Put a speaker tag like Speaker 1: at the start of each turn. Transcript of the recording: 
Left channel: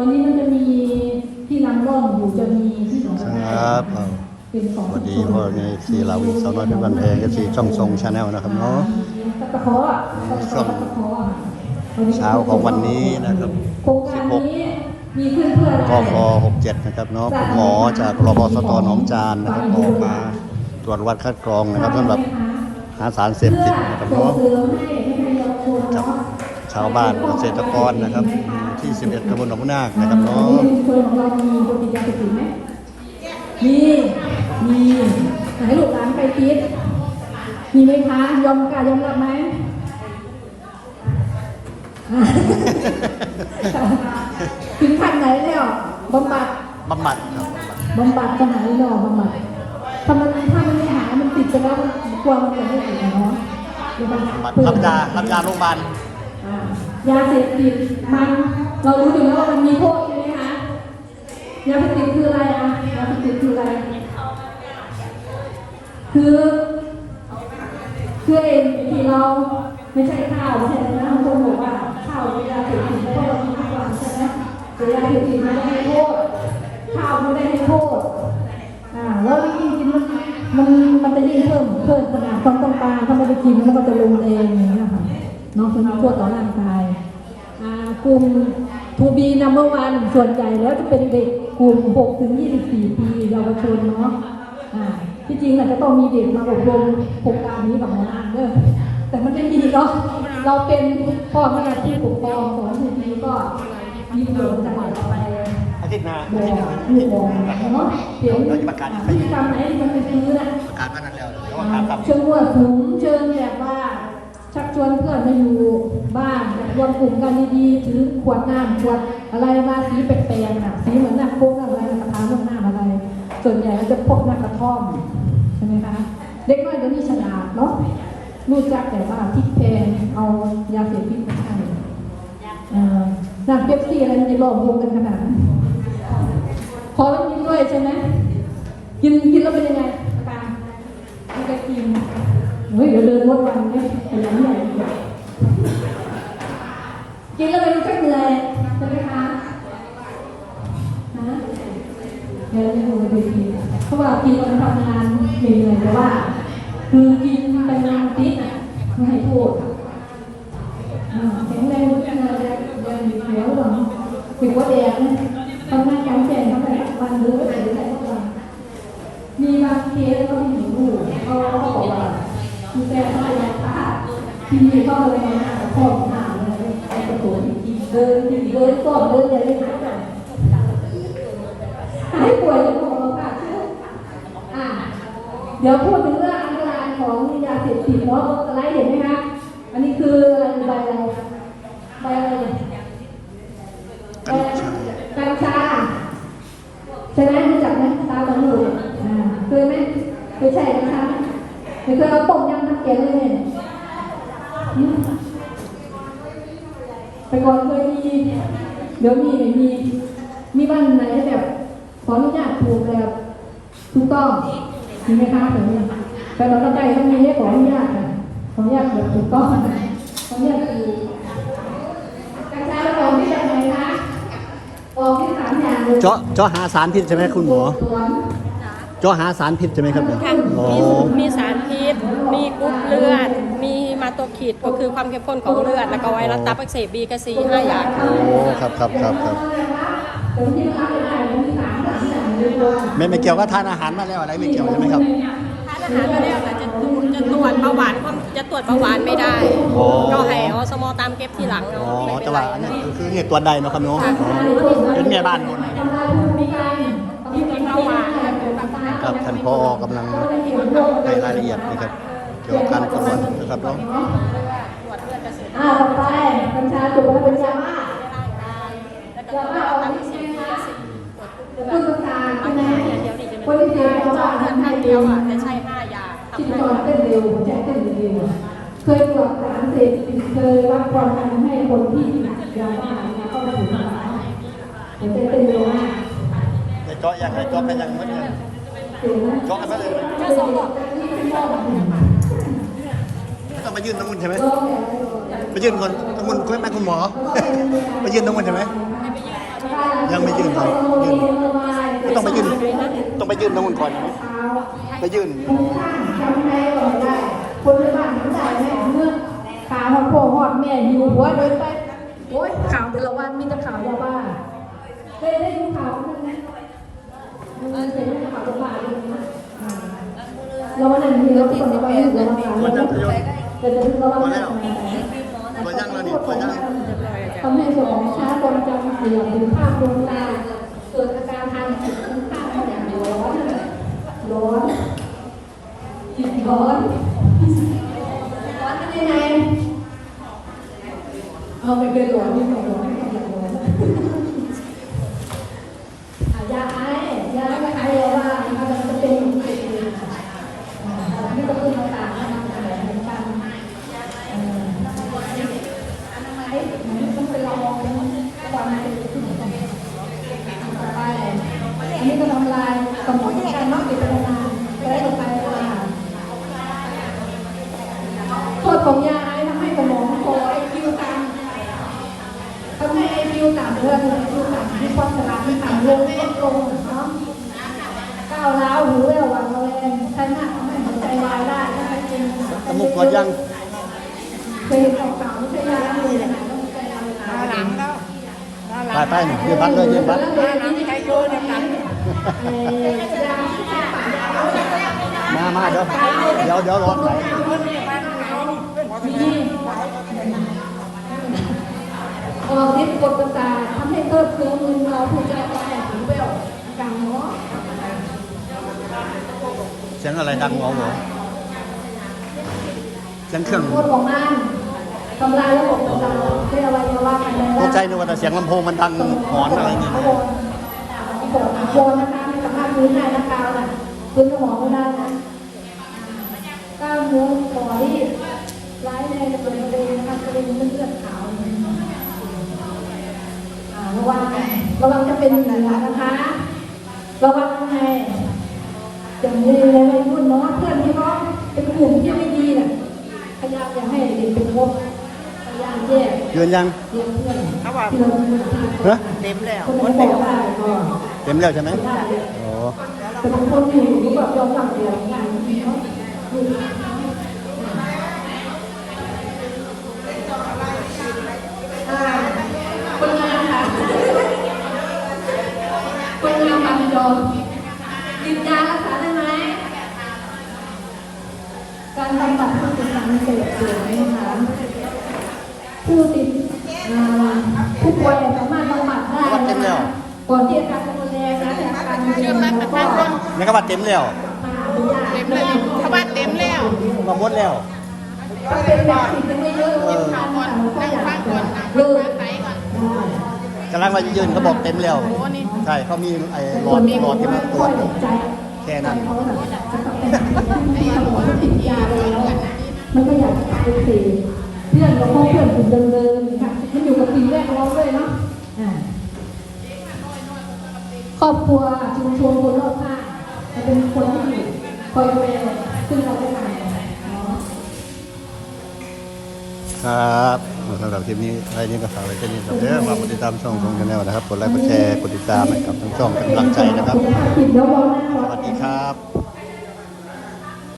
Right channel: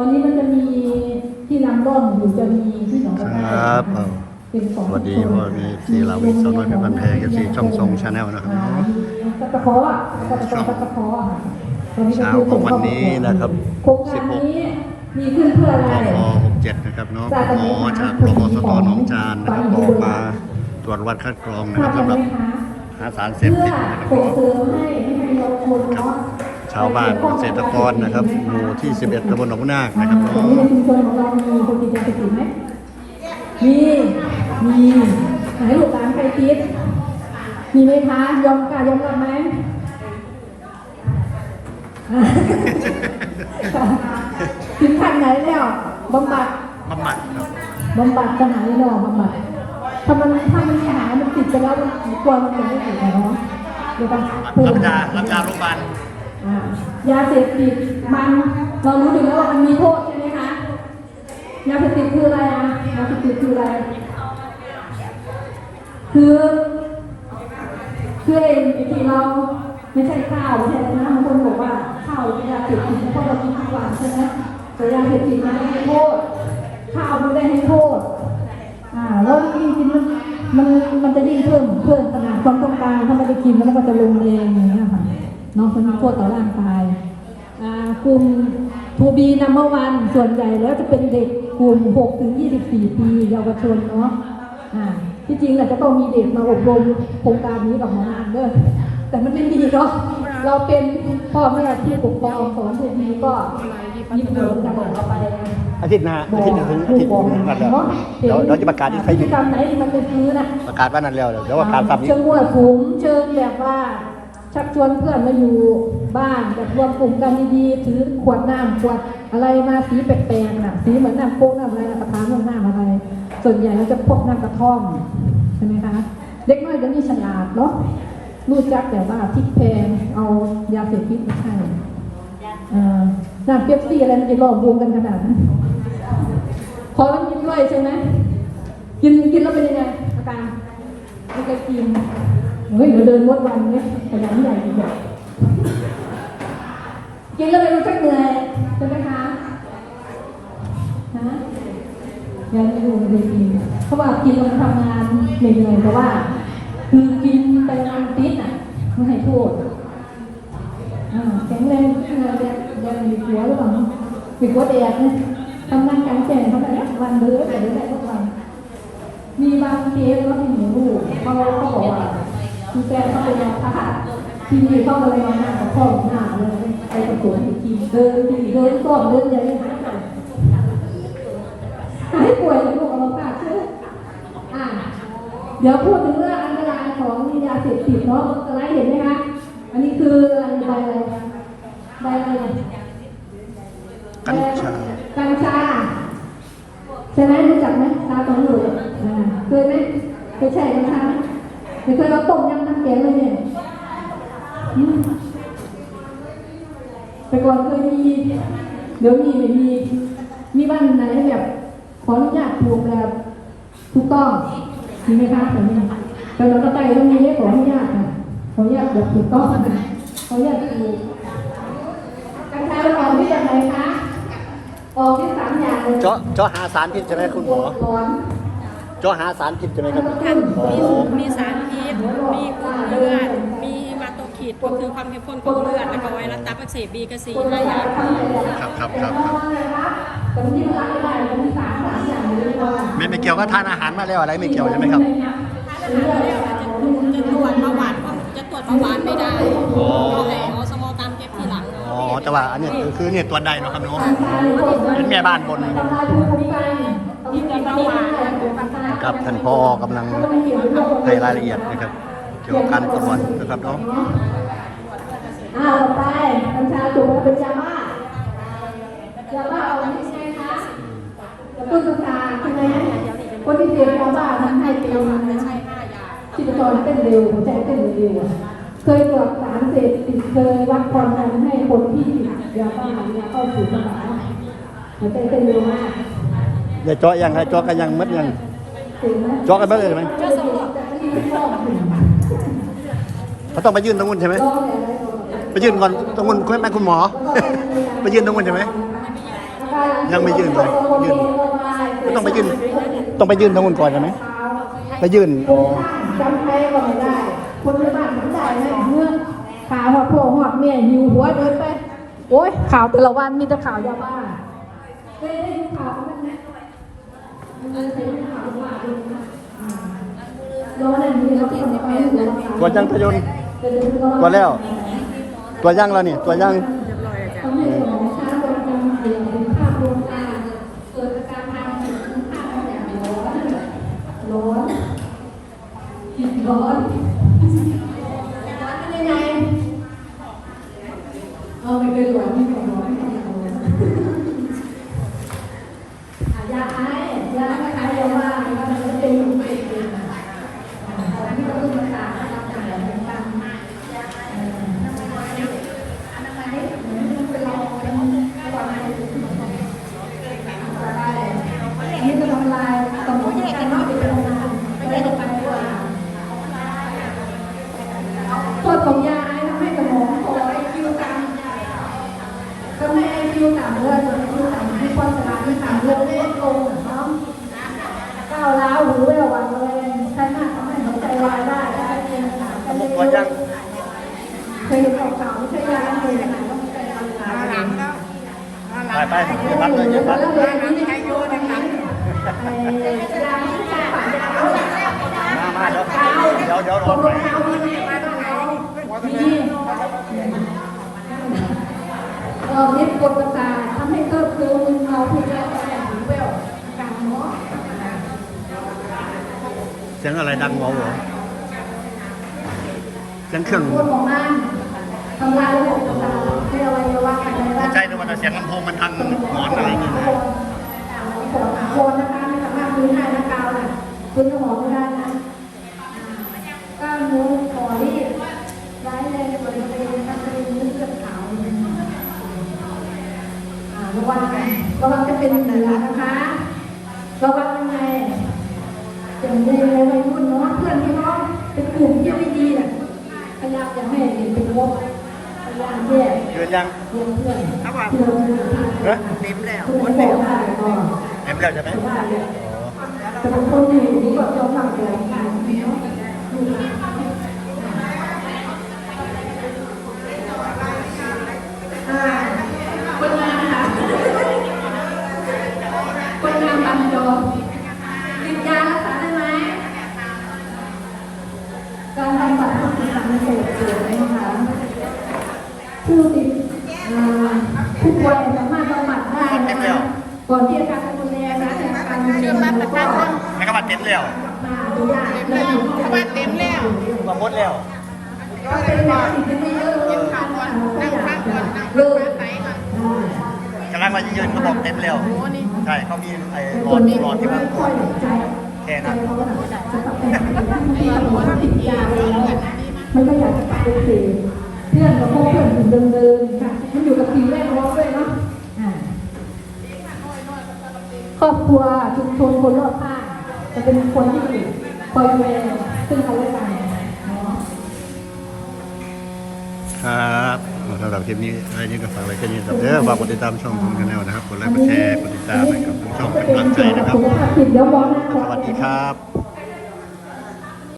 Speaker 1: ตอนนี้มันจะมีที่นำร่องอยู่จะมีที่หนอง
Speaker 2: ค
Speaker 1: กระ
Speaker 2: รับเอา
Speaker 1: เป็นของ
Speaker 2: สวัสดีพ่อแม่สีเหลาอีกสาวน้อยเพชรบันแพงกับสีช่องทรงชาแนลนะครับเนาะ
Speaker 1: ตะเคาะอะตะเคาะอะวันนี้
Speaker 2: เช้าของวันนี้นะครับ
Speaker 1: โครงการนี้มีเพื่อนเพื่อน
Speaker 2: กฟ67นะครับเนาะคุณหมอจากรบสตหนองจานนะครับออกมาตรวจวัดคัดกรองนะครับสำหรับหาสารเสพติดนะครับ
Speaker 1: ส่ง
Speaker 2: เนาะ
Speaker 1: เสริมให้ให้ประโยชน์คน
Speaker 2: กับ
Speaker 1: เนาะ
Speaker 2: ชาวบ้านเกษตรกรนะครับหมู่ที่ 11ตำบลหนองนาคนะครับเนาะ
Speaker 1: ในชุมชนของเรามีคนติดยาเสพติดไหมมีมีไหนลูกหลานใครติดมีไหมคะยอมกล้ายอมรับไหมถึงขั้นไหนแล้วบำบัด
Speaker 2: บำบัดครับ
Speaker 1: บำบัดขนาดนี้แล้วบำบัดถ้ามันถ้ามันหายมันติดไปแล้วมันกลัวมันจะไม่หายเนาะเดี๋ยวมัน
Speaker 2: รับยารับยาโรงพยาบาล
Speaker 1: อ่า ยาเสพติดมันเรารู้อยู่แล้วว่ามันมีโทษใช่ไหมคะยาเสพติดคืออะไรอะยาเสพติดคืออะไร คือคือเองที่เราไม่ใช่ข้าวใช่ไรนะบางคนบอกว่าข้าวเป็นยาเสพติดเพราะเรากินทุกวันใช่ไหมแต่ยาเสพติดมันไม่ให้โทษข้าวไม่ได้ให้โทษอ่าแล้วยิ่งกินมันมันมันจะยิ่งเพิ่มเพิ่มขนาดความต้องการถ้าไม่ได้กินมันก็จะลงเองอย่างเงี้ เน้องคนมีโทษต่อร่างกายอ่ากลุ่มทูบีนัมเบอร์วันส่วนใหญ่แล้วจะเป็นเด็กกลุ่ม 6 ถึง 24 ปีเยาวชนเนาะอ่าที่จริงเราจะต้องมีเด็กมาอบรมโครงการนี้กับหมออ่างเด้อแต่มันไม่มีเนาะเราเป็นพ่อแม่ที่ปกครองของทีนี้ก็มีประโยชน์กันต่อไป
Speaker 2: อาทิตย์หน้า
Speaker 1: บอ
Speaker 2: อาทิตย์หน้าอา
Speaker 1: ลู
Speaker 2: ทิ
Speaker 1: ก
Speaker 2: ตย์
Speaker 1: บอก
Speaker 2: หน้า
Speaker 1: เนาะ
Speaker 2: เดี๋ยวเราจะประกาศที่
Speaker 1: พ
Speaker 2: ไป
Speaker 1: ฤติกรรมไหนมันเป็นอย่างนี้นะ
Speaker 2: ประกาศว่านั้นแล้วเดี๋ยวประกาศตามนี้
Speaker 1: เชิญมั่วสุมเชิญแบบว่าชักช วนเพื่อนมาอยู่บ้านจะรวมกลุ่มกันดีๆถือขวดน้ำขวดอะไรมาสีแปลกๆน่ะสีเหมือนน้ำโค้กนอะไรราคาเรื่องน้ำอะไร ส่วนใหญ่จะพกน้ำกระท่อมใช่ไหมคะเด็กน้อยจะมีฉลาดเนาะรู้จักแต่ว่าพริกแพงเอายาเสพติดมาให้อ่าน้ำเป๊ปซี่อะไรจะหลอกลวงกันขนาดพอต้องกินด้วยใช่ไหมกินกินแล้วเป็นยังไงอาการไม่เคยกิน เฮ้ยเดี๋ยวเดินรถวันเนี้แต่ละที่ไหนเนี่กินแล้วไม่รู้จักเหนื่อยใช่ไหมคะฮะงานที่ดูมันดีๆเพราะว่ากินมันทำงานเหนื่อยเพราะว่าคือกินไปนานติดอะไม่ให้โทษอ่าแข็งแรงทุกอย่างเลยยังมีหัวเรื่องเป็นหัวแดงทำงานกลารแจ้งทำงานบ้านเรือนอะไรได้ทุกวันมีบางเคสก็มีหูเขาเขาบอกว่าคุณแกเขาเป็นนักพากย์ ทีนี้ก็เลยมาช่องหาเลยไปประกวดทีเดินทีเดินสอบเดินอย่างนี้หาหายป่วยจะบอกเราค่ะชื่ออ่าเดี๋ยวพูดถึงเรื่องอันตรายของยาเสพติดเนาะสไลด์เห็นไหมคะอันนี้คืออะไรใบอะไรใบอะไร
Speaker 2: กัญชา
Speaker 1: กัญชาใช่ไหมรู้จักไหมตาของหนูอ่าเคยไหมเคยใช่กัญชาไหมเคยเอาต้มยำน้ำแกงเลยเนี่ย แต่ก่อนเคยมีเดี๋ยวมีมีมีบ้านไหนแบบขออนุญาตปลูกแบบถูกต้องมีไหมคะแบบนี้แต่เราก็ใจต้องมีให้ขออนุญาตขออนุญาตปลูกถูกต้องขออนุญาตปลูกกัญชาเราที่อะไรคะออกที่สามอย่างเจาะ
Speaker 2: เจาะหาสารพิษใช่ไหมคุณหมอเจาะหาสารพิษใช่ไหมครับ
Speaker 3: มีมีสารพิษ มีกรุ๊ปเลือด มี มาโตคิดก็คือความเข้มข้นของเลือด แล้วก็ไวรัสตับอักเสบบีกับซีห้าอย่างค่ะ
Speaker 2: ครับครับครับครับ
Speaker 1: ตรงที่พักได้มีสามสามอย่างเลยก่อน
Speaker 2: ไม่ไม่เกี่ยวก็ทานอาหารมาแล้วอะไรไม่เกี่ยวใช่ไหมครับ
Speaker 3: ถ้าอาหารมาแล้วนะจะตรวจจะตรวจเบาหวานก็จะตรวจเบาหวานไม่ได้
Speaker 2: อ๋อ
Speaker 3: ก็ให้อสมตามเก็บทีหลัง
Speaker 2: อ๋
Speaker 3: เนาะ
Speaker 2: อแต่ว่าอันนี้คือคือเนี่ยตัวใดเนาะครับเนาะอ๋อถึงแม่บ้านบน
Speaker 3: มีกินเบาหวานแล้วคือแบบอะไร
Speaker 2: ครับท่านพอกำลังให้รายละเอียดนะครับเกี่ยวกับการตรวจนะครับเนาะ
Speaker 3: เอดเกษตร
Speaker 1: อ้าไปกัญชาถูกกัญชาบ้า
Speaker 3: แล้วก็ตรวจเบาหวานซีบีกับซีตรวจกรุ๊ปเลือด
Speaker 1: คือกัญชา
Speaker 3: อัน
Speaker 1: ใช่ไหม
Speaker 3: นี้เดียวนี่จะ
Speaker 1: คน
Speaker 3: เป็น
Speaker 1: ที่เสพยาบ้า
Speaker 3: เลือด
Speaker 1: ทำให้
Speaker 3: ให้
Speaker 1: เดี
Speaker 3: เดี
Speaker 1: ย
Speaker 3: ยวว
Speaker 1: อะ
Speaker 3: อะแต่ใช้ห้าอย่าง
Speaker 1: ชีพ
Speaker 3: ทำ
Speaker 1: จ
Speaker 3: ให้
Speaker 1: เต้นเร็วหัวใจเต้นเร็วเคยตรวจสารเสพติดเคยรับความทำให้คนที่ยาบ้าเนี่ยเข้าสู่สารหัวใจเต้นเร็วมาก
Speaker 2: เดี๋ยวเจาะยังไงเจาะกันยังมัดยัง
Speaker 1: เห็น
Speaker 2: เจาะกันมัดเลยไหม เขาต้องไปยื่นตรงนู้นใช่ไหมไปยื่นก่อนตรงนู้นคุณแม่คุณหมอ ไปยื่นตรงนู้นใช่ไหมยังไม่ยื่นเลยยื่นก็ต้องไปยื่นต้องไปยื่นตรงนู้นก่อนใช่ไหมไปยื่น
Speaker 1: คนละบ้านคนละแม่เมื่อข่าวหอดโผล่หอดเนี่ยอยู่หัวเดินไปโอ้ยข่าวแต่ละวันมีแต่ข่าวยาบ้าเคยได้ยินข่าวมั้ยนะมันเคยได้ยินข่าวยาบ้าเลยนะแล้ววันนั้นมีรถติดในบ้านเลย
Speaker 2: ตัวยังพยนต์ ตัวแล้วตัวยังแล้วนี่ตัวยัง
Speaker 1: ทำให้สมองช้าความจำเสื่อมหรือภาพดวงตาส่วนอาการทางจิตภาพอย่างร้อนร้อนร้อนร้อนเป็นยังไงเออไม่เคยร้อนไม่เคยร้อนไม่เคยร้อนอะยาไอยาไม่ไอแล้วว่ามันจะเป็นเป็นที่ต้องมาตามมาตามกันกันเออ อันนี้ก็ทำลายสมองที่การนอกไปเป็นงานก็ได้ต่อไปด้วยค่ะโทษ ของยาไอ้ทำให้สมองโตไอคิวต่ำทำให้ไอคิวต่ำด้วยไอคิวต่ำที่ความสมองที่ต่ำลงลดลงเนาะก้าวร้าวหูแววหวั่นระแวงใช้มากทำให้หัวใจวายได้ถ้าใช้เป็นหนากันเย
Speaker 2: ตัวยั
Speaker 1: อะเคยเห็นเก่าๆไม่ใช่ยาเลยหนา สี
Speaker 2: ยงอะไรดังหัวหัวเสียงเครื่อง
Speaker 1: คนของมันทำลายระบบของเราเรียกว่าเรียกว่าอะไร
Speaker 2: ต
Speaker 1: นะ
Speaker 2: กใจนึกว่าแต่เสียงลำโพงมันดังหอนอะไรอย่างเงี้ยนะ
Speaker 1: โคนนะคะไม่สามารถพื้นได้นะกาวน่ะพื้นสมองไม่ได้นะกล้ามเนื้อคอที่ร้ายในบริเวณทำเป็นเลือดขาวระวังระวังจะเป็นเหนือนะคะระวังยังไง อย่างในในรุ่นเนาะเพื่อนที่เขาเป็นกลุ่มที่ไม่ดีน่ะพยายามจะให้เด็กเป็นพบพยายามแยก
Speaker 2: ยืนยัง
Speaker 1: เพื่อนเพื่อนเพื่อน
Speaker 2: ฮะ
Speaker 1: เต็มแล้วคนไหนบอกว่าก็
Speaker 2: เต็มแล้วใช่ไหม
Speaker 1: สบายเลย
Speaker 2: อ๋อ
Speaker 1: แต่บางคนอยู่นี่ก็ยอมรับเลยนะอ่า ตามเสพติดนะคะผู้ติดอ่าผู้ป่วยสามารถบำบัดได้นะคะก่อนที่อาการจะรุนแรงนะแต่อาการรุนแรงแล้วก็
Speaker 2: ไม่ก็ว่าเต็มแล้ว
Speaker 4: เขาบ้านเต็มแล้ว
Speaker 2: มันหมดแล้ว
Speaker 1: เป็นแบบสิ่งที่เยอะๆกินข้าวข้าวก็อยากจะเลิก
Speaker 4: ไหนก่อน
Speaker 2: กำลังมายืนเขาบอกเต็มแล้ว
Speaker 4: โอ้นี่
Speaker 2: ใช่เขามีไอ้
Speaker 1: เป็น
Speaker 2: บ
Speaker 1: ค
Speaker 2: อด
Speaker 1: น
Speaker 2: มี
Speaker 1: ที่
Speaker 2: บอดที่มัน
Speaker 1: ค่อยใจใจเขาแบบจะกลับไปหาเนี้ยมันก็บอกว่าติดยาแล้ว มันก็อยากจะกลับไปเสพเพื่อนกับพ่อเพื่อนกลุ่มเดิมๆค่ะมันอยู่กับปีแรกร้องด้วยเนาะอ่าครอบครัวชุมชนคนรอบข้างจะเป็นคนที่คอยดูแลซึ่งกันและกันเนาะ
Speaker 2: ครับสำหรับคลิปนี้อะไรนี้ก็ฝากไว้แค่นี้ครับเด้อฝากกดติดตามช่องของชาแนลนะครับกดไลค์กดแชร์กดติดตามให้กับทั้งช่องเป็นกำลังใจนะครับ
Speaker 1: ผิดแล้วร้อนหน้า
Speaker 2: สวัสดีครับ